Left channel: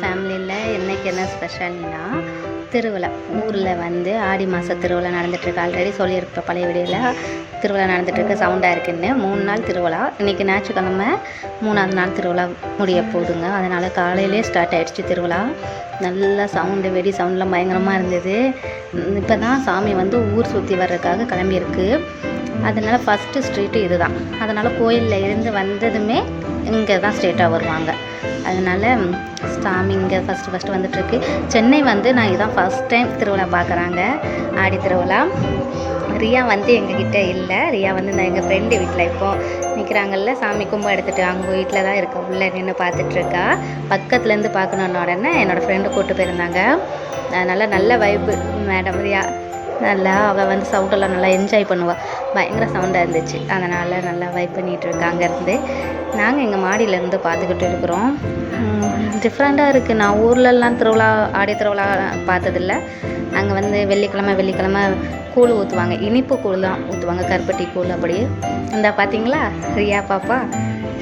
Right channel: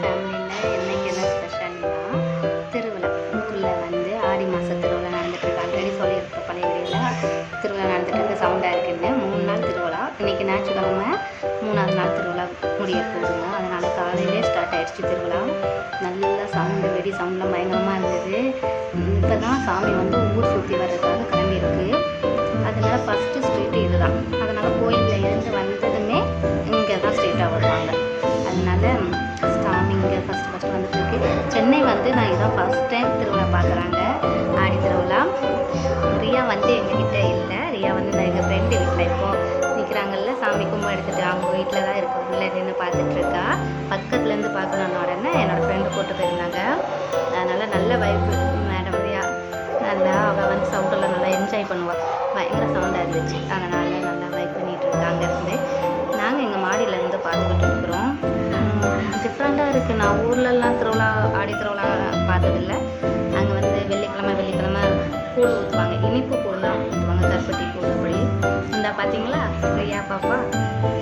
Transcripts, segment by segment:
ஃபேமிலியில் என்னைக்கு என்ன ஸ்பெஷல்னா திருவிழா. ஊரில் வந்து ஆடி மாத திருவிழா நடந்துகிட்ருக்கு. ஆல்ரெடி சொல்லியிருப்பேன் பழைய வீடியோவில். திருவிழா நடந்துகிட்ருக்கு, சவுண்டாக இருக்குன்னு. 3 நாள் திருவிழா. இன்றைக்கி ஞாயிற்றுக்கிழமை 3ஆவது நாள் திருவிழா முடிய போகுதுங்க. அதனால் காலையிலே ஸ்டார்ட் ஆகிடுச்சு திருவிழா. நல்லா சவுண்டு, வெடி சவுண்டெலாம் பயங்கரமாக இருந்தது. இப்போ தான் சாமி வந்து ஊர் சுற்றி வர்றதுக்காக கிளம்பியிருக்கு. அதனால் ஃபஸ்ட்டு ஸ்ட்ரீட்டு இது தான். அதனால் கோயிலில் இருந்து வந்ததுமே இங்கே தான் ஸ்ட்ரெயிட்டாக வருவாங்க. அதனால் சாமி இங்கே ஃபஸ்ட்டு வந்துட்டுருக்கு. சென்னை வந்து நான் இதான் ஃபஸ்ட் டைம் திருவிழா பார்க்குறாங்க, ஆடி திருவிழா. ரியா வந்து எங்ககிட்ட இல்லை. ரியா வந்து நான் எங்கள் ஃப்ரெண்டு வீட்டில் இப்போது நிற்கிறாங்கல்ல, சாமி கும்பம் எடுத்துகிட்டு அவங்க வீட்டில் தான் இருக்க. உள்ளே நின்று பார்த்துட்ருக்கா. பக்கத்துலேருந்து பார்க்கணுன்னு உடனே என்னோடய ஃப்ரெண்டு கூப்பிட்டு போயிருந்தாங்க. அதனால் நல்ல வைப்பு மேடம் ரியா. நல்லா அவள் வந்து சவுண்டெல்லாம் நல்லா என்ஜாய் பண்ணுவாள். பயங்கர சவுண்டாக இருந்துச்சு. அதனால் நல்லா வைப் பண்ணிகிட்டு இருக்கா. அங்கேருந்து நாங்கள் எங்கள் மாடியிலேருந்து பார்த்துக்கிட்டு இருக்கிறோம். டிஃப்ரெண்ட்டாக இருக்குது. நான் ஊர்லெலாம் திருவிழா, ஆடி திருவிழா பார்த்ததில்ல. அங்கே வந்து வெள்ளிக்கிழமை கூழ் ஊற்றுவாங்க. இனிப்பு கூழ் தான் ஊற்றுவாங்க, கருப்பட்டி கூழ். அப்படி இந்த பார்த்தீங்களா ரியா பாப்பா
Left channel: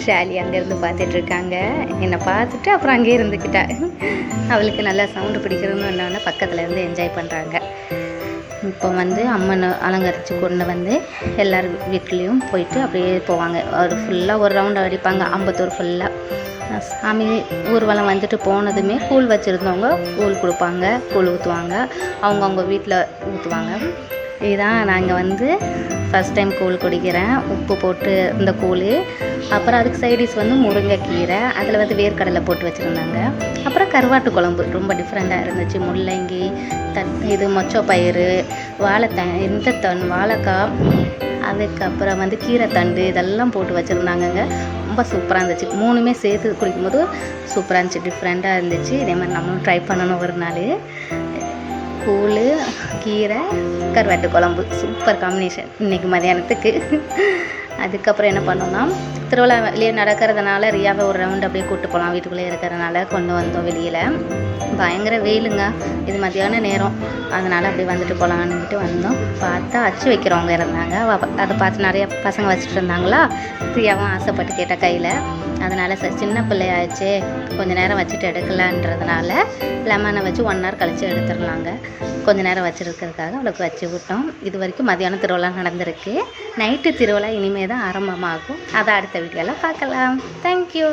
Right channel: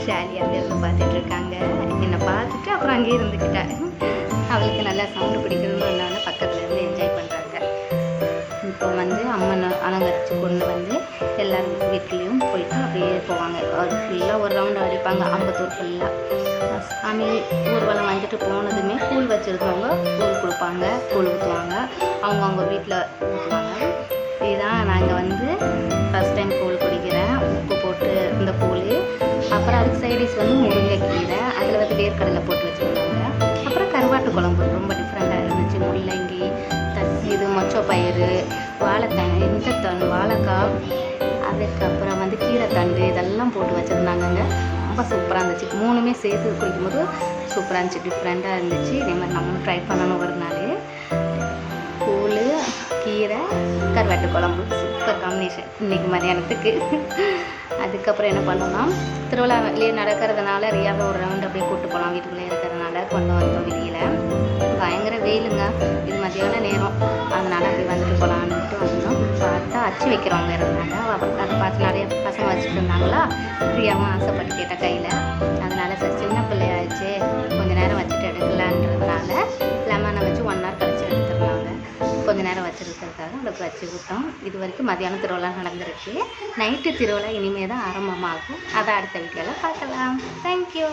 ஷாலி அங்கேருந்து பார்த்துட்ருக்காங்க. என்னை பார்த்துட்டு அப்புறம் அங்கேயே இருந்துக்கிட்டா. அவளுக்கு நல்லா சவுண்டு பிடிக்கிறதுன்னு என்னன்னா பக்கத்தில் இருந்து என்ஜாய் பண்ணுறாங்க. இப்போ வந்து அம்மனை அலங்கரித்து கொண்டு வந்து எல்லார் வீட்லேயும் போயிட்டு அப்படியே போவாங்க. ஒரு ஃபுல்லாக ஒரு ரவுண்டு அடிப்பாங்க, அம்பத்தூர் ஃபுல்லாக. சாமி ஊர்வலம் வந்துட்டு போனதுமே கூழ் வச்சுருந்தவங்க கூழ் கொடுப்பாங்க, கூழ் ஊற்றுவாங்க. அவங்கவுங்க வீட்டில் ஊற்றுவாங்க. இதுதான் நாங்கள் வந்து ஃபஸ்ட் டைம் கூழ் குடிக்கிறேன். உப்பு போட்டு இந்த கூழ். அப்புறம் அதுக்கு சைடிஷ் வந்து முருங்கைக்கீரை, அதில் வந்து வேர்க்கடலை போட்டு வச்சுருந்தாங்க. அப்புறம் கருவாட்டு குழம்பு ரொம்ப டிஃப்ரெண்ட்டாக இருந்துச்சு. முள்ளங்கி இது மொச்சப்பயிறு, வாழைக்காய், அதுக்கப்புறம் வந்து கீரைத்தண்டு இதெல்லாம் போட்டு வச்சுருந்தாங்கங்க. ரொம்ப சூப்பராக இருந்துச்சு. 3மே சேர்த்து குடிக்கும்போது சூப்பராக இருந்துச்சு, டிஃப்ரெண்ட்டாக இருந்துச்சு. இதே மாதிரி நம்மளும் ட்ரை பண்ணணும் ஒரு நாள். கூழ், கீரை, கருவாட்டு குழம்பு சூப்பர் காம்பினேஷன் இன்றைக்கி மதியானத்துக்கு. அதுக்கப்புறம் என்ன பண்ணோம்னா, திருவிழா வெளியே நடக்கிறதுனால ரியாவை ஒரு ரவுண்டு அப்படியே கூப்பிட்டு போகலாம், வீட்டுக்குள்ளே இருக்கிறதுனால கொண்டு வந்தோம் வெளியில். பயங்கர வெயிலுங்க, இது மதியான நேரம். அதனால் அப்படி வந்துட்டு போகலான்னுட்டு வந்தோம். பார்த்தா அச்சு வைக்கிறவங்க இருந்தாங்க. அதை பார்த்து நிறையா பசங்க வச்சுட்டு இருந்தாங்களா. ரியாவும் ஆசைப்பட்டு கேட்ட கையில். அதனால் சரி சின்ன பிள்ளையாச்சு, கொஞ்சம் நேரம் வச்சுட்டு எடுக்கலான்றதுனால லெமனை வச்சு 1 hour கழித்து எடுத்துடலாங்க. கொஞ்சம் நேரம் வச்சுருக்கிறதுக்காக அவளுக்கு வச்சு விட்டோம். இது வரைக்கும் மதியானம் திருவிழா நடந்திருக்கு. நைட்டு திருவிழா இனிமேல் தான் ஆரம்பமாகும். அதை அடுத்த வீடியோவில் பார்க்கலாம். தேங்க்யூ.